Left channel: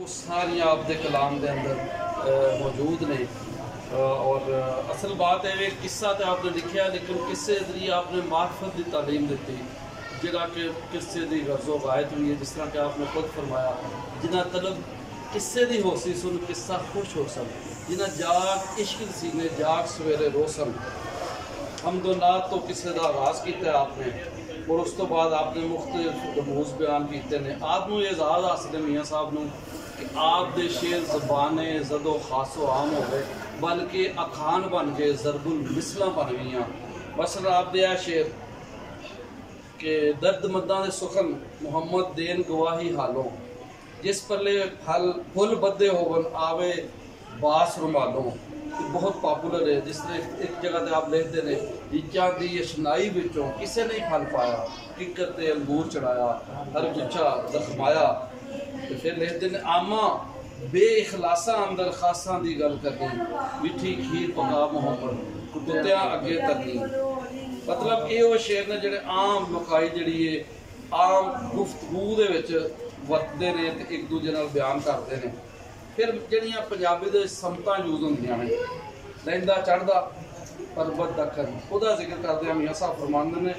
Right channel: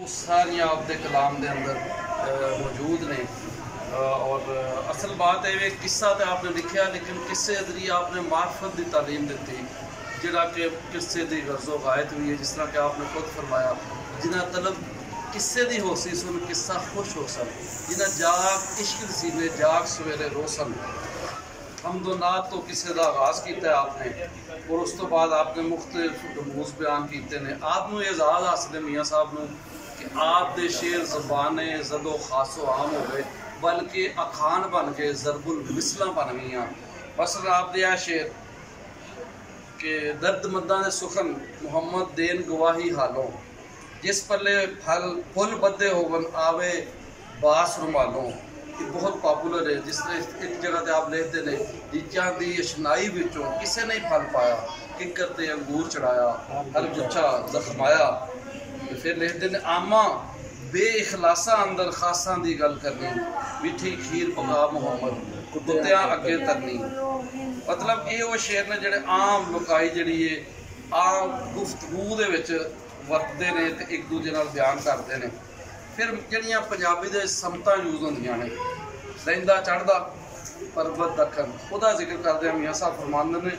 सारी आपके कलाम के अंदर मौजूद ने। और असल बात है वे किस्सा तो आपने लिखा, लेकिन किस्से जरिए आपने मार्फत की तालीम दी, जिहड़ा कि किस्से की गर्जो गायत हुई है। जिस तरह कि आपने खुद फरमाया, जिन्हें तलब किस्से की हो सी सुन किस्सा खुश हो सन, जिन्हें जाग इश्क सीने जाग सवेरे रोसन। हमदोनात तो किस्से का आगाज़ किया आपने, और उस तो बाद आपने मुख्तलिफ रमूज़ बयान किए ने। आपनू एजाज़ हासिल है मियाँ साहब नू कि आप दे शेर ज़बाने जदो खासो आम हो गए, बल्कि अखान बन गए, ज़रबुल मिसला बन गई। मसलन आप दे शेर के दर्द मदा दे सुखन मुहम्मद देन गवाही हालों, जिस पले फल फुल बदे होवन आवे बास रुमालों। ये बहुत पॉपुलर है। जिस तरह एक जगह से आप लिखते हैं, जिज्जा दी अशनाई विचों किसे नहीं फल पाया, किकर ते अंगूर चढ़ाया, हर गुच्छा जख्माया। तो फिर लिखते हैं, आमा बेइखलासा अंदर खासा की गल करनी, मिठी खीर पका मुहम्मद कुत्तियां अगे तरनी। मतलब ये वो शेर ने जोड़े आम लोकाई जी है आम गुफ्तगू दे विच वरतते ने ते एक दूजे नाल बयान करते हैं। फिर जड़ियाँ पंजाबी दे समता यूज होंदियां ने, लैंदा चढ़दा परबत दखन, उहदा जिक्र करते हैं मियाँ साहब फरमांदे ने,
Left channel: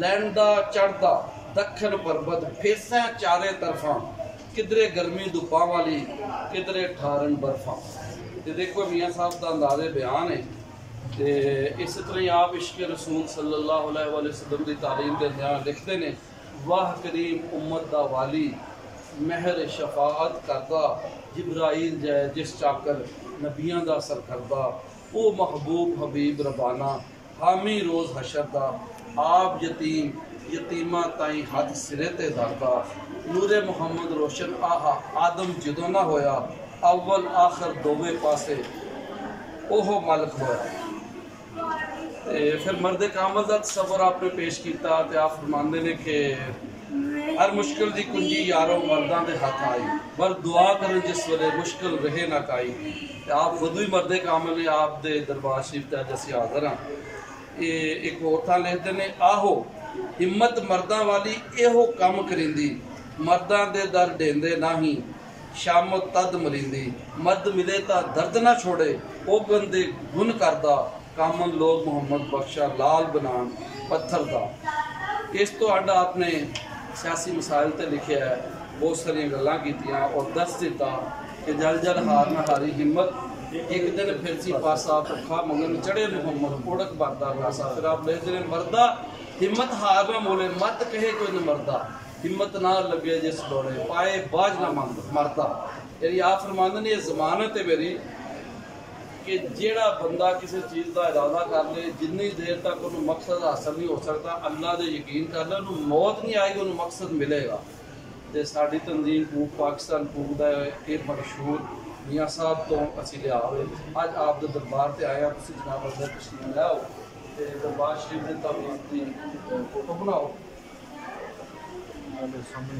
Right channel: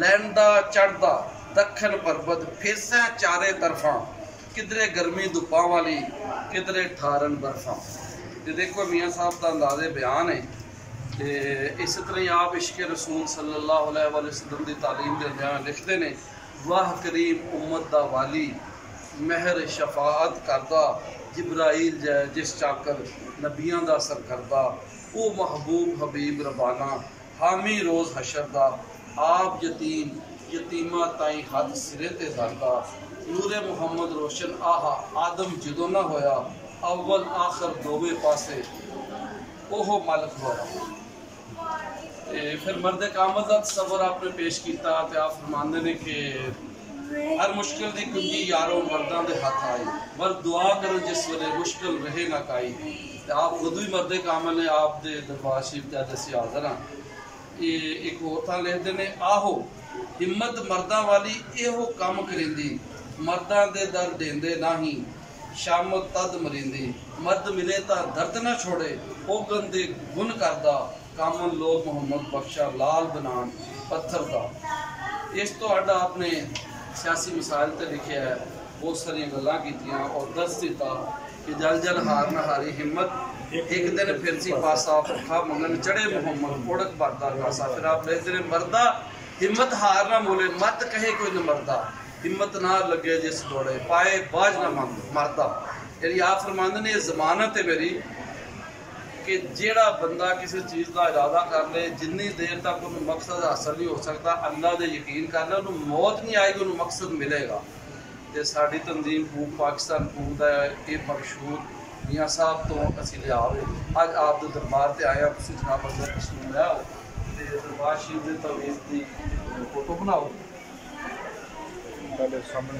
लैंदा चढ़दा दखन परबत फेसा चारे तरफा, किधरे गर्मी धुप्पा वाली किधरे ठारन बर्फा। तो देखो मियाँ साहब का अंदाजे बयान है कि इस तरह ही आप इश्क रसूल सल्लल्लाहु अलैहि वसल्लम की तालीम के अंदर लिखते हैं, वाह करीम उम्मत दा वाली महर शफाअत करदा, जिब्राइल जै जिस चाकर नबियां दा सर करदा, ओ महबूब हबीब रबाना हामी रोज़ हशर दा, आप यतीम यतीमा ताई हद सिरे ते धरदा, नूरे मुहम्मद रोशन आहा आदम जदों ना होया, अव्वल आखिर दोवे पासे ओहो मालिक होया। फिर मर्द कामल का तस्वर आपने पेश किया, तो आप फरमाते ने कि हर मुश्किल की कुंजी यारों मर्दां दे हाथ आई, मर्द दुआ करें जिस वेले मुश्किल रहे ना काई। आप खुद भी मर्द कामल ने, आप दे दरबार शरीफ ते अज असीं हाज़र हाँ। ये एक होर थां लिखते हैं, आहो हिम्मत मर्दां वाली एहो कम करिंदी, मर्दां दे दर देंदे नाही, शाम तद मरिंदी, मर्द मिले तो दर्द ना छोड़े, ओ गंदे गुन करदा, कामन लोग मुहम्मद बख्शा लाल बनान पत्थर का। इस तो अड्ड आपने सियासी मसाइल ते लिखे है, बहुत सारिया गल्लां कीतियां और दस दिता कि जल जल हार न हारी हिम्मत, एक दिन फिर सी पासा भुखा मंगन चढ़े मुहम्मद उड़क बरदा कासा। फिर आप लिखते हैं, मर्दा हिम्मत हार ना मोले, मत कहे कोई न मरदा, हिम्मत ना लगे जिस दौड़े, पाए बाज ना मरदा। यानी आप फरमाते ने जमानत है मेरी कि जेड़ा बंदा किसी चीज़ का इरादा कर ले, जिन्नी देर तक उन्होंने मकसद हासिल नहीं हो सकता, अल्लाह दे यकीन कर ले, उन्होंने मौत नहीं आएगी, उन्होंने मकसद मिलेगा। तो साड़ी तंजीम पूक पाकिस्तान पूक का ये मशहूर मियाँ साहब तो असी लिया अज आप दे दरबार से आया, तुम जनाब अंदर तशरीफ लाओ, तो दरबार शरीफ के तवीज़ की फोटो बनाओ सामने।